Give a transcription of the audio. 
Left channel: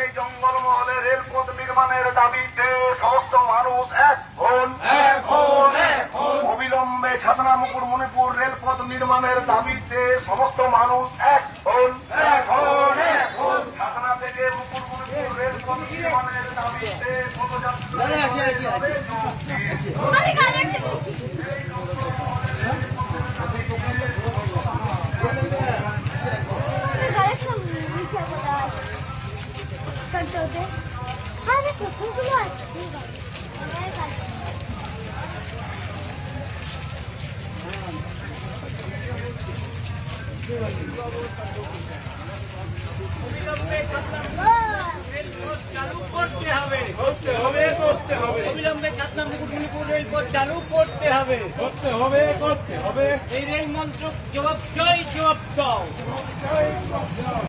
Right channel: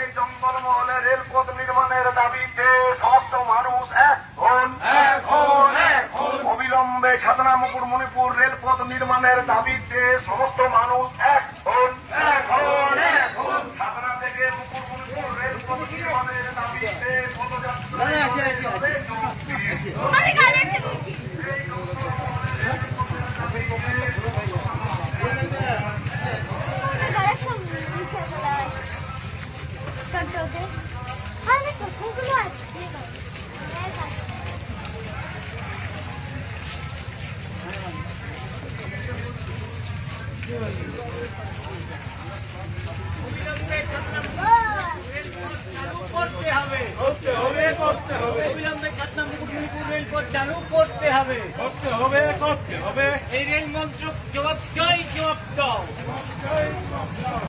এই জঙ্গলমহলে রেলপথ নির্মাণের দাবিতে সমস্ত মানুষ এক হন। অবিলম্বে ছাতনামুকুর মণিপুর রেলপথ নির্মাণের দাবিতে সমস্ত মানুষ এক হন। ছাতনা থেকে মুকুর মণিপুর রেলপথ নির্মাণের দাবিতে অবিলম্বে ছাতনা মুকুট মণিপুর রেলপথ চালু করতে হবে। এই রেল মন্ত্রক জবাব চাই, জবাব দাও।